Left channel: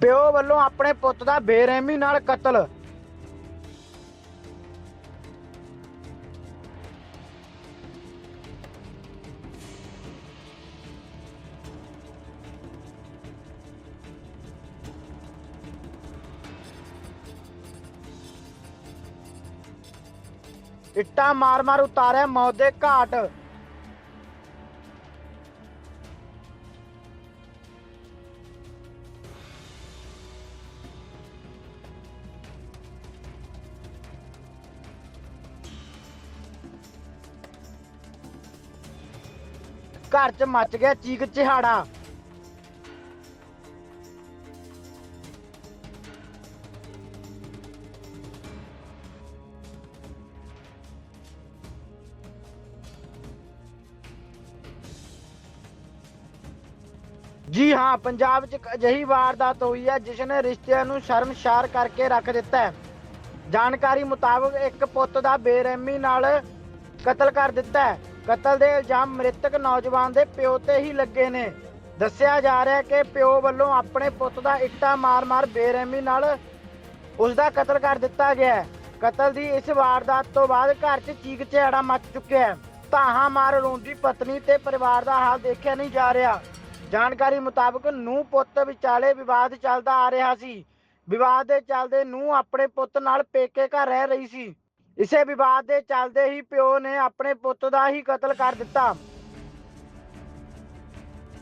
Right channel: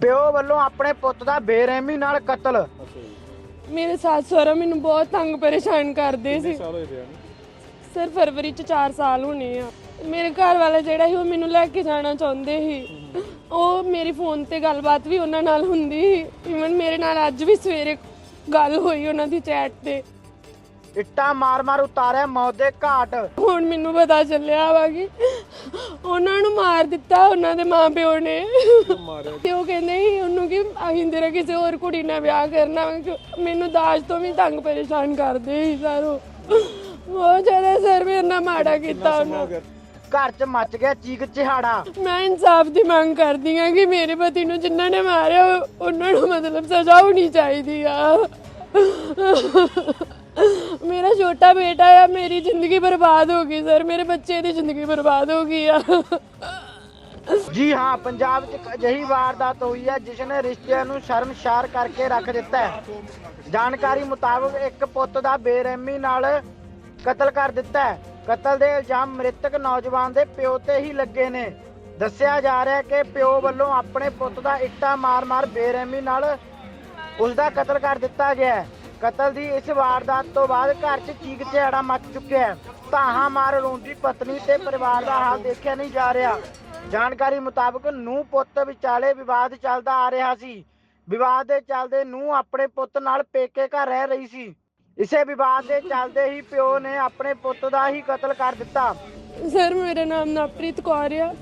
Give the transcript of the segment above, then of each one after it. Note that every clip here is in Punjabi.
ਪਿਓ ਵੱਲੋਂ ਆਪਣੇ ਪੁੱਤ ਦਾ ਬੇਰਹਿਮੀ ਨਾਲ ਕਤਲ। ਮੇਰੇ ਸੱਸ ਸਹੁਰਾ ਮੈਨੂੰ ਬਹੁਤ ਤੰਗ ਪਰੇਸ਼ਾਨ ਕਰਦੇ ਸੀ। ਸਰ, ਫਰਵਰੀ ਚ 4 ਸਾਲ ਹੋਣੇ ਆ। ਮੇਰੇ ਘਰ ਵਾਲਾ ਜਿਹੜਾ ਸੀ, ਉਹ ਮੈਨੂੰ ਲੈ ਕੇ ਜਾਣਾ ਚਾਹੁੰਦੇ ਸੀ। ਉਹ ਮੇਰੀ ਫੋਨ ਤੇ ਗੱਲਬਾਤ ਵੀ ਉਹਨਾਂ ਨਾਲ ਹੁੰਦੀ ਸੀ। ਇਵਨ ਮੇਰੇ ਨਾਲ ਅੱਜ ਵੀ ਸਵੇਰੇ ਗੱਲ ਹੋਈ ਉਹਨਾਂ ਦੀ ਚੈਟ ਤੇ। ਇੱਟਾਂ ਮਾਰ-ਮਾਰ ਉਤਾਰਿਆ ਮੌਤ ਦੇ ਘਾਟ। ਹੁਣ ਮੈਨੂੰ ਪਤਾ ਚੱਲਿਆ ਵਾ ਕਿ ਉਹਨਾਂ ਨੂੰ ਮਾਰ ਦਿੱਤਾ ਉਹਨਾਂ ਦੇ ਮਾਪਿਓ ਨੇ। ਤੇ ਉਹ ਕਹਿੰਦੇ ਸੀ ਉਹਨੂੰ ਕਿ ਅਸੀਂ ਤੇਰਾ ਕਿਸੇ ਹੋਰ ਕੁੜੀ ਨਾਲ ਵਿਆਹ ਕਰਨਾ ਮੈਨੂੰ ਦਾਜ ਤੋਂ ਵੀ ਤੰਗ ਪਰੇਸ਼ਾਨ ਕਰਦੇ ਸੀ ਸਰ ਉਹ। ਬਹੁਤ ਜ਼ਿਆਦਾ ਸਰ ਮੇਰੇ ਨਾਲ ਮਾੜਾ ਕੀਤਾ ਉਹਨਾਂ ਘਰ 'ਚ ਮਚ ਗਿਆ ਚੀਕ ਚਿਹਾੜਾ। ਮੈਂ ਇਨਸਾਫ ਦੀ ਮੰਗ ਕਰਦੀ ਹਾਂ ਕਿ ਮੇਰੇ ਪਤੀ ਨੂੰ ਜਿਨ੍ਹਾਂ ਨੇ ਮਾਰਿਆ ਉਹ- ਉਹਨਾਂ ਨੂੰ ਮਤਲਬ ਸਜ਼ਾ ਹੋਣੀ ਚਾਹੀਦੀ ਆ। ਛੋਟਾ ਬੇਟਾ ਆ, ਮੇਰੀ ਜ਼ਿੰਦਗੀ ਬਰਬਾਦ ਹੋ ਗਈ, ਸਰ। ਮੇਰੇ ਬੱਚੇ ਦੀ ਜ਼ਿੰਦਗੀ ਬਰਬਾਦ ਹੋ ਗਈ ਆ। ਜੀ ਹਾਂ, ਪੰਜਾਬ 'ਚ ਇੱਕ ਅਜਿਹੀ ਵਾਰਦਾਤ ਹੋਈ ਹੈ ਜਿਸ ਨੇ ਰਿਸ਼ਤਿਆਂ ਨੂੰ ਸ਼ਰਮਸ਼ਾਰ ਕਰਕੇ ਰੱਖ ਦਿੱਤਾ ਹੈ। ਜਾਣਕਾਰੀ ਮੁਤਾਬਕ ਇੱਕ ਪੁੱਤ ਦਾ ਬੇਰਹਿਮੀ ਨਾਲ ਕਤਲ ਕਰ ਦਿੱਤਾ ਹੈ। ਕਤਲ ਦੇ ਇਲਜ਼ਾਮ ਮ੍ਰਿਤਕ ਨੌਜਵਾਨ ਦੇ ਪਿਓ ਤੇ ਹੀ ਲੱਗੇ ਨੇ। ਦੱਸਿਆ ਜਾ ਰਿਹਾ ਹੈ ਕਿ ਪਿਓ ਵੱਲੋਂ ਆਪਣੇ ਪੁੱਤ ਦਾ ਇੱਟਾਂ ਮਾਰ-ਮਾਰ ਬੇਰਹਿਮੀ ਨਾਲ ਉਸ ਦਾ ਕਤਲ ਕਰ ਦਿੱਤਾ ਗਿਆ ਹੈ। ਕਤਲ ਦੀ ਇਸ ਵਾਰਦਾਤ ਤੋਂ ਬਾਅਦ ਘਰ 'ਚ ਚੀਕ ਚਿਹਾੜਾ ਮਚ ਚੁੱਕਿਆ ਹੈ। ਧਾਹਾਂ ਮਾਰ ਰੋਂਦੀ ਪਤਨੀ ਤੇ ਪਰਿਵਾਰ ਦਾ ਹਾਲ ਦੇਖਿਆ ਨਹੀਂ ਜਾ ਰਿਹਾ। ਜਾਣਕਾਰੀ ਮੁਤਾਬਕ ਨੂੰ ਪੁੱਤ ਵਿਚਾਲੇ ਵਿਵਾਦ ਚੱਲਦਾ ਆ ਰਿਹਾ ਸੀ। ਵਿਵਾਦ ਦੇ ਚੱਲਦੇ ਨੂੰ ਆਪਣੇ ਪੁੱਤ ਨਾਲ ਪੇਕੇ ਘਰ ਰਹਿ ਰਹੀ ਸੀ। ਇਸੇ ਵਿਵਾਦ ਦੇ ਚੱਲਦੇ ਹੀ ਪਿਓ ਨੇ ਆਪਣੇ ਪੁੱਤ ਦਾ ਹੀ ਕਤਲ ਕਰ ਦਿੱਤਾ। ਸਰ, ਮੇਰਾ ਨਾਮ ਨਵਪ੍ਰੀਤ ਕੌਰ ਆ।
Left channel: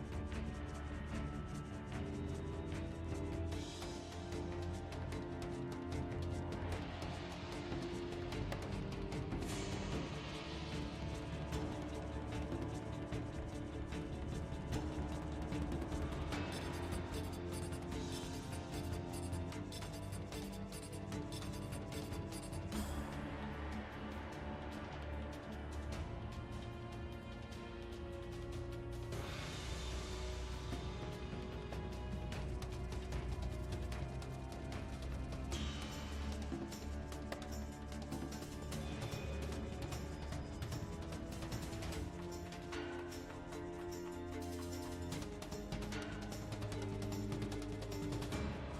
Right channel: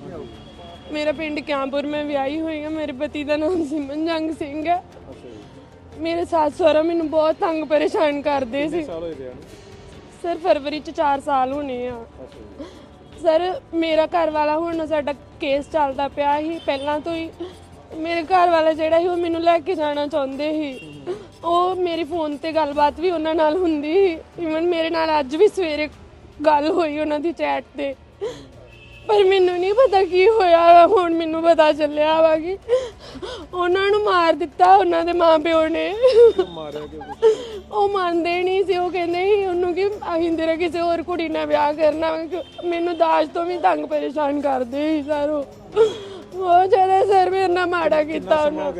ਮੇਰਾ ਪਿੰਡ ਕਿਆਂਪੁਰ ਮੈਂ ਵਿਆਹੀ ਹੋਈ ਆ ਮੇਰੇ ਪਤੀ ਦਾ ਨਾਮ ਸਿਮਨ ਜੰਗ ਸਿੰਘ ਹੈ। ਮੇਰੇ ਸੱਸ ਸਹੁਰਾ ਮੈਨੂੰ ਬਹੁਤ ਤੰਗ ਪਰੇਸ਼ਾਨ ਕਰਦੇ ਸੀ। ਸਰ ਫਰਵਰੀ ਚ 4 ਸਾਲ ਹੋਣੇ ਆ। ਸਰ ਮੇਰਾ ਘਰ ਵਾਲਾ ਹੁਣ ਸਾਡਾ ਕੇਸ ਚੱਲਦਾ ਪਿਆ ਸੀ। ਪਹਿਲਾਂ ਤੋਂ ਹੀ ਮੇਰੇ ਘਰ ਵਾਲਾ ਜਿਹੜਾ ਸੀ ਉਹ ਮੈਨੂੰ ਲੈ ਕੇ ਜਾਣਾ ਚਾਹੁੰਦੇ ਸੀ। ਉਹ ਮੇਰੀ ਫੋਨ ਤੇ ਗੱਲਬਾਤ ਵੀ ਉਹਨਾਂ ਨਾਲ ਹੁੰਦੀ ਸੀ। ਇਵਨ ਮੇਰੇ ਨਾਲ ਅੱਜ ਵੀ ਸਵੇਰੇ ਗੱਲ ਹੋਈ ਉਹਨਾਂ ਦੀ ਚੈਟ ਤੇ। ਪਰ ਮੈਨੂੰ ਨਹੀਂ ਪਤਾ ਕੀ ਹੋਇਆ ਹੁਣ ਮੈਨੂੰ ਪਤਾ ਚੱਲਿਆ ਵਾ ਕਿ ਉਹਨਾਂ ਨੂੰ ਮਾਰ ਦਿੱਤਾ ਉਹਨਾਂ ਦੇ ਮਾਪਿਓ ਨੇ। ਉਹ ਮੰਨਦੇ ਨਹੀਂ ਸੀ ਉਹ ਕਹਿੰਦੇ ਸੀ ਉਹਨੂੰ ਕਿ ਅਸੀਂ ਤੇਰਾ ਕਿਸੇ ਹੋਰ ਕੁੜੀ ਨਾਲ ਵਿਆਹ ਕਰਨਾ ਵਾ ਕਿ ਮੈਨੂੰ ਦਾਜ ਤੋਂ ਵੀ ਤੰਗ ਪਰੇਸ਼ਾਨ ਕਰਦੇ ਸੀ ਸਰ ਉਹ। ਬਹੁਤ ਜ਼ਿਆਦਾ ਸਰ ਮੇਰੇ ਨਾਲ ਮਾੜਾ ਕੀਤਾ ਉਹਨਾਂ।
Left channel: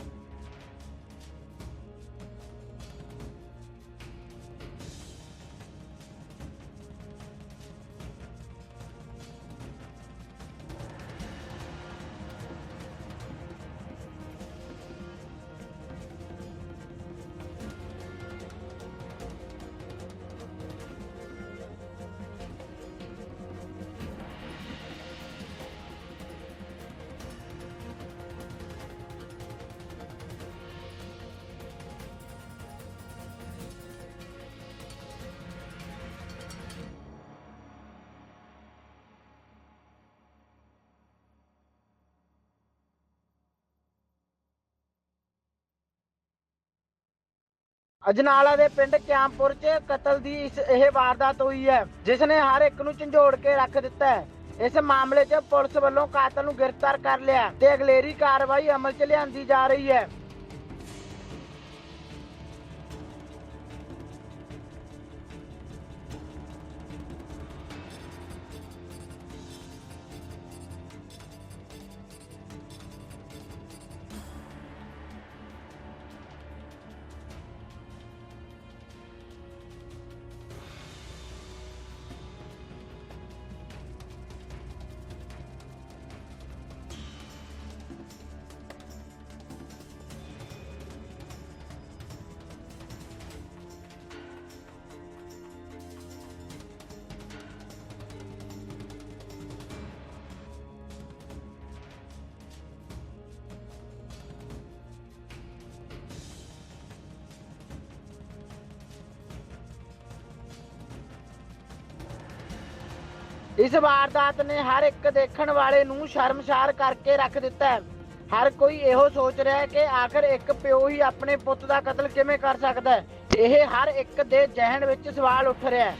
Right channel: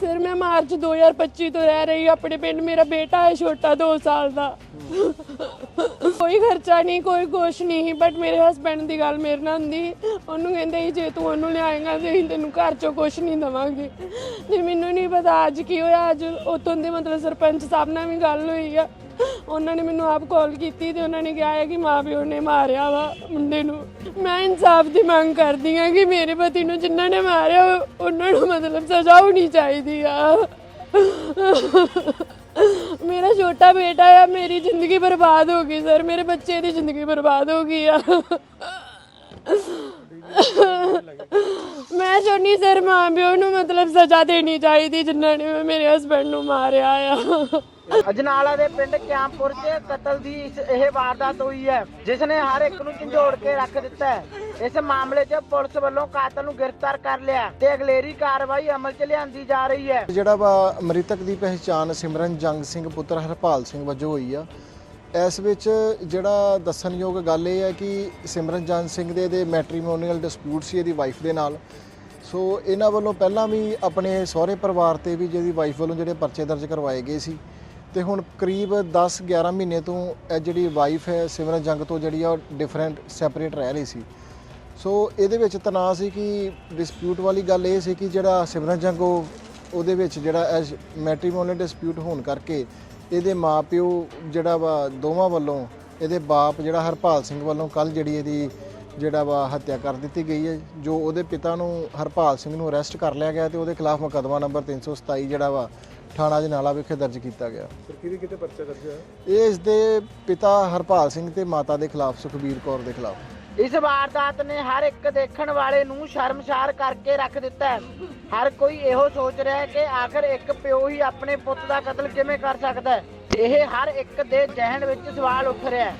ਫਿਰ ਮੈਂ ਮਾਰਚ 2025 ਤੋਂ ਰਹਿ ਰਹੀ ਹਾਂ ਆਪਣੇ ਪਿੰਡ ਮੇਰਾ ਬੇਟਾ ਹੈ ਛੋਟਾ 2 ਸਾਲ ਦਾ। ਕੋਈ ਖਰਚਾ ਨਹੀਂ, ਕੋਈ ਕੁਛ ਨਹੀਂ ਬਟ ਮੇਰੇ ਹਸਬੰਡ ਦੀ ਗੱਲ ਮੇਰੇ ਨਾਲ ਹੁੰਦੀ। ਉਹਨੂੰ ਕਹਿੰਦੇ ਸੀ ਜੇ ਤੂੰ ਉਹਨੂੰ ਲਿਆਏਗਾ, ਤੇ ਅਸੀਂ ਤੈਨੂੰ ਘਰ ਚੋਂ ਕੁਛ ਨਹੀਂ ਦੇਵਾਂਗੇ। ਤੇ ਮੈਨੂੰ ਨਹੀਂ ਪਤਾ ਅੱਜ ਕੀ ਹੋਇਆ, ਅੱਜ ਉਤੋਂ ਦੇ ਮਤਲਬ ਸਰਪੰਚ ਸਾਹਿਬ ਨਾਲ ਵੀ ਗੱਲ ਹੋਈ ਆ। ਉਹਨਾਂ ਨੇ ਮੈਨੂੰ ਆਪ ਕਾਲ ਕੀਤੀ ਤੇ ਉਹਨਾਂ ਨੇ ਕਿਹਾ ਹੈ ਕਿ ਮਾਂ ਪਿਓ ਨੇ ਮਾਰਿਆ ਵਾ ਮੁੰਡੇ ਨੂੰ। ਮੈਂ ਇਨਸਾਫ ਦੀ ਮੰਗ ਕਰਦੀ ਹਾਂ ਕਿ ਮੇਰੇ ਪਤੀ ਨੂੰ ਜਿਨ੍ਹਾਂ ਨੇ ਮਾਰਿਆ ਉਹਨਾਂ ਨੂੰ ਮਤਲਬ ਸਜ਼ਾ ਹੋਣੀ ਚਾਹੀਦੀ ਆ। ਮੇਰਾ ਛੋਟਾ ਬੇਟਾ ਆ, ਮੇਰੀ ਜ਼ਿੰਦਗੀ ਬਰਬਾਦ ਹੋ ਗਈ ਸਰ, ਮੇਰੇ ਬੱਚੇ ਦੀ ਜ਼ਿੰਦਗੀ ਬਰਬਾਦ ਹੋ ਗਈ ਆ। ਮੈਂ ਚਾਹੁੰਦੀ ਸਰ ਮਾਂ ਪਿਓ ਨੂੰ ਮਤਲਬ ਸਜ਼ਾ ਦੇਣੀ ਚਾਹੀਦੀ, ਜਿਨ੍ਹਾਂ ਨੇ ਮੇਰੇ ਹਸਬੰਡ ਨੂੰ ਮਾਰਿਆ ਆ। ਅਜਨਾਲਾ ਦੇ ਪਿੰਡ ਕਿਆਮਪੁਰ 'ਚ ਕਤਲ ਦੀ ਇਸ ਇਹ ਵਾਰਦਾਤ ਹੋਈ ਹੈ ਜਿਸ ਨੇ ਹਰ ਇੱਕ ਨੂੰ ਝੰਜੋੜ ਕੇ ਰੱਖ ਦਿੱਤਾ ਹੈ। ਇਸ ਮਾਮਲੇ 'ਚ ਪੁਲਿਸ ਵੱਲੋਂ ਕਾਤਲ ਨੂੰ ਗ੍ਰਿਫਤਾਰ ਕਰ ਲਿਆ ਤੇ ਅਗਲੇਰੀ ਕਾਰਵਾਈ ਅਮਲ 'ਚ ਲਿਆਂਦੀ ਜਾ ਰਹੀ ਹੈ। ਜਿਹੜਾ ਵਾ ਮ੍ਰਿਤਕ ਦੀ ਪਹਿਚਾਣ ਸਿਮਰਨ ਜੰਗ ਸਿੰਘ ਪੁੱਤਰ ਹਰਪਾਲ ਸਿੰਘ ਵਜੋਂ ਹੋਈ ਆ। ਇਸ ਵਿੱਚ ਜਿਹੜਾ ਦੱਸਣਯੋਗ ਗੱਲ ਇਹ ਹੈ ਕਿ ਸਿਮਰਨ ਜੰਗ ਸਿੰਘ ਦੇ ਦੇ ਮੈਟ੍ਰੀਮੋਨੀਅਲ ਡਿਸਪਿਊਟ ਸੀ ਇਹਦੀ ਵਾਈਫ ਦੇ ਨਾਲ। ਸੋ ਇਹਨਾਂ ਵੱਲੋਂ ਪਹਿਲਾਂ ਵੀ ਆਪਣੇ ਸਹੁਰੇ ਪਰਿਵਾਰ ਤੇ ਵੀ ਜਿਹਦੀ ਵਾਈਫ ਵੱਲੋਂ ਜਿਹੜੇ ਪਰਚੇ ਦਰਜ ਕਰਵਾਏ ਗਏ ਸੀ ਤੇ ਹੁਣ ਕਰੀਬ 10 11 ਮਹੀਨੇ ਤੋਂ ਇਹ ਜਿਹੜੀ ਵਾਈਫ ਹੈ ਸਿਮਰਨ ਜੰਗ ਤੋਂ ਜਿਹੜੀ ਆ ਉਹ ਡਿਫਰੈਂਟ ਸੈਪਰੇਟ ਰਹਿ ਰਹੀ ਸੀ। ਸੋ ਇਹਦੇ ਵਿੱਚ ਤਣਾਅ ਸੀ ਕਿ ਡਿਸਪਿਊਟ ਵਾਲੀ ਗੱਲ ਇਹ ਸੀ ਕਿ ਜਿਹੜਾ ਸਿਮਰਨ ਜੰਗ ਉਹ ਉਹਦੇ ਵਿੱਚ ਜਿਹੜਾ ਮੈਟ੍ਰੀਮੋਨੀਅਲ ਡਿਸਪਿਊਟ ਹੋਣ ਕਰਕੇ ਇਹਦੇ ਮਾਪਿਓ ਜਿਹੜਾ ਵਾ ਦੋਵਾਂ ਵੱਲੋਂ ਇਹਦੇ ਬਾਪ ਜਿਹੜਾ ਹਰਪਾਲ ਸਿੰਘ ਵੱਲੋਂ ਕੱਲ ਜਿਹੜੀ ਇਹਦੀ ਜਿਹੜਾ ਵਾ ਹੱਤਿਆ ਕਰ ਦਿੱਤੀ ਗਈ ਹੈ ਜੋ ਉਹਦੇ ਪਿਤਾ ਨੂੰ ਹਰਪਾਲ ਸਿੰਘ ਨੂੰ ਅਰੈਸਟ ਕਰ ਲਿਆ ਗਿਆ ਤੇ ਉਹਦੇ ਖਿਲਾਫ ਮੁਕੱਦਮਾ ਨੰਬਰ 327 ਜਿਹੜਾ ਵਾ ਥਾਣਾ ਜਨਾਲਾ ਵਿਖੇ ਦਰਜ ਕੀਤਾ ਗਿਆ। ਕਿਹਦੇ ਕਿਤੇ ਪਰਚਾ ਦਰਜ ਹੋਇਆ? ਇਹ ਇਸ ਦੇ ਪਿਤਾ ਹਰਪਾਲ ਸਿੰਘ ਤੇ ਮਾਤਾ ਦੇ ਖਿਲਾਫ ਸੁਖਬੀਰ ਕੌਰ ਦੇ ਖਿਲਾਫ। ਇਸ ਵਾਰਦਾਤ ਨੇ ਹਰ ਇੱਕ ਦੇਖਣ ਵਾਲੇ ਨੂੰ ਸ਼ਰਮਸ਼ਾਰ ਕਰਕੇ ਰੱਖ ਦਿੱਤਾ ਹੈ। ਹਰ ਕੋਈ ਇਹੋ ਸੋਚ ਰਿਹਾ ਹੈ ਕਿ ਆਖਰ ਇੱਕ ਪਿਓ ਹੀ ਆਪਣੇ ਪੁੱਤ ਦਾ ਕਤਲ ਕਿਵੇਂ ਕਰ ਸਕਦਾ ਹੈ? ਇਹ ਹਰ ਇੱਕ ਦੇ ਜ਼ਿਹਨ ਵਿੱਚ ਸਵਾਲ ਉੱਠ ਰਿਹਾ ਹੈ।